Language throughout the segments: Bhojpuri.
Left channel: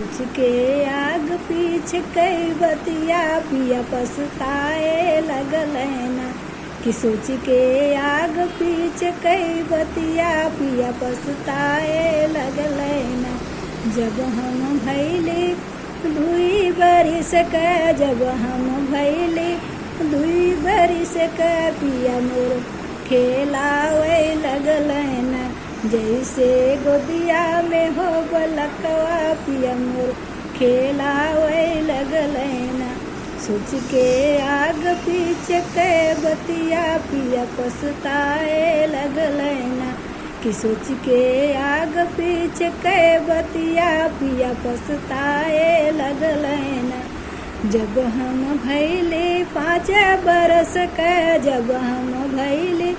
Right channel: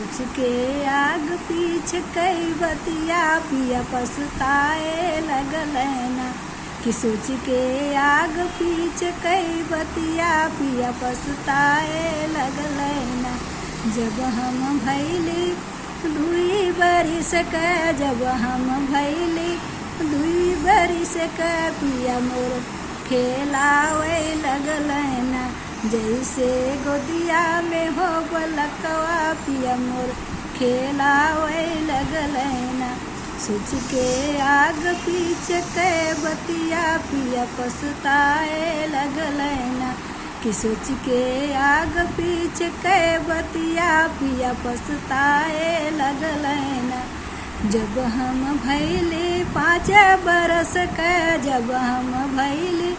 उसके आग पीछ कई बतिया पिया पछताए लगल ना। कि सोच के आग पीछ कई बतिया पिया पछताए लगल ना। जब हम भैली दुई बरिस का, जब हम भैली दुई बरिस का, पिया मोर खेलावे लगल ना। जैसे गोदिया में हो बलकवा, पिया मोर खेलावे लगल ना। सोच के आग पीछे के बतिया पिया पछताए लगल ना। कि सोच के आग पीछे के बतिया पिया पछताए लगल ना। जब हम भैली 5 बरस का, जब हम भैली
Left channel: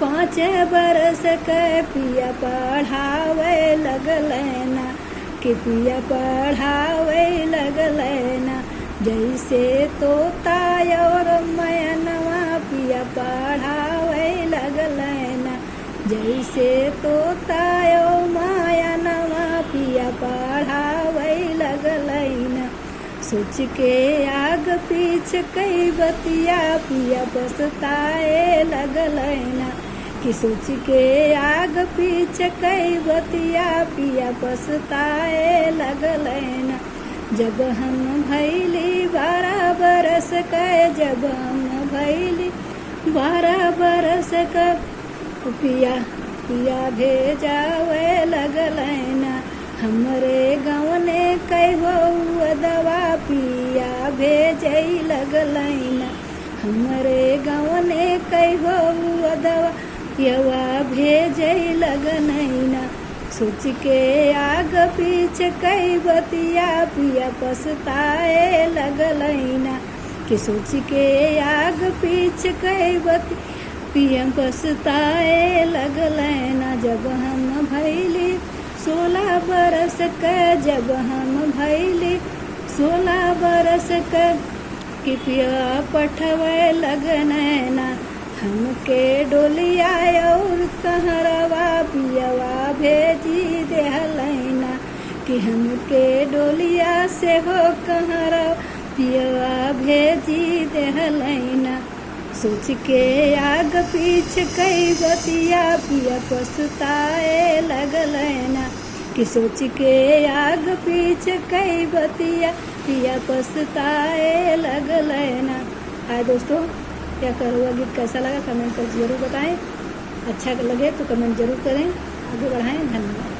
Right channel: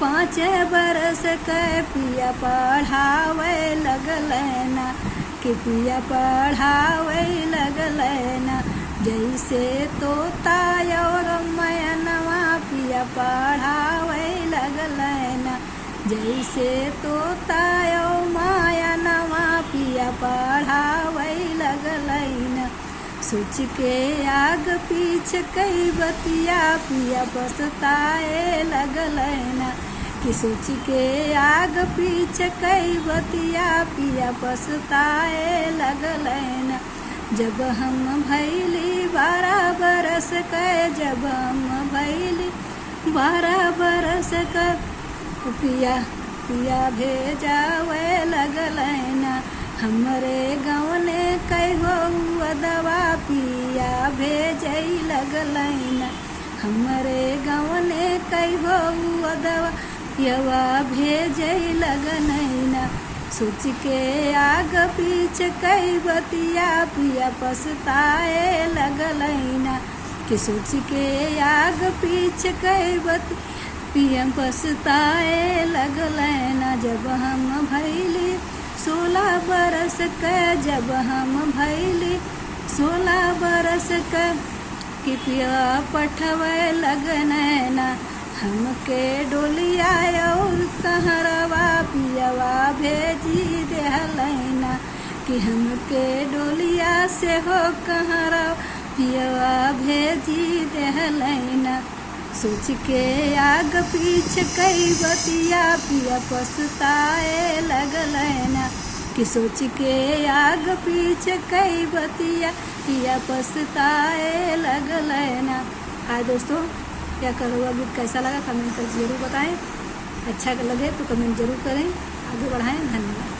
5 बरस का, पिया पढ़ावे लगल ना। कि पिया पढ़ावे लगल ना। जैसे तोता और मैनवा पिया पढ़ावे लगल ना। जैसे तोता और मैनवा पिया पढ़ावे लगल ना। सोच के आग पीछ कई बतिया पिया पछताए लगल ना। कि सोच के आग पीछ कई बतिया पिया पछताए लगल ना। जब हम भैली 12 बरस का, जब हम भैली 12 बरस का, पिया पिया भेजावे लगल ना। हमरे गवने कहो दवा पिया भेजै लगल ना। हमरे गवने कहो दवा पियवा भेजै लगल ना। सोच के आग पीछ कई बतिया पिया पछताए लगल ना। कि सोच के आग पीछ कई बतिया पिया पछताए लगल ना। जब हम भैली 16 बरस का, जब हम भैली 16 बरस का, कि पिया पठवे लगन ना। हमके डोलिया और कहरवा पियवा भेजी देहल ना। कि हमके डोलिया से हो कहरवा पियवा भेजी देहल ना। सोच के आग पीछ कई बतिया पिया पछताए लगल ना। कि सोच के आग पीछ कई बतिया पिया पछताए लगल ना। हाय दोस्तों, क्या करो गीत कैसा लगा कमेंट कर जरूर बताएं। अच्छा लगे तो कमेंट जरूर करें, आगे बढ़ाएं। धन्यवाद।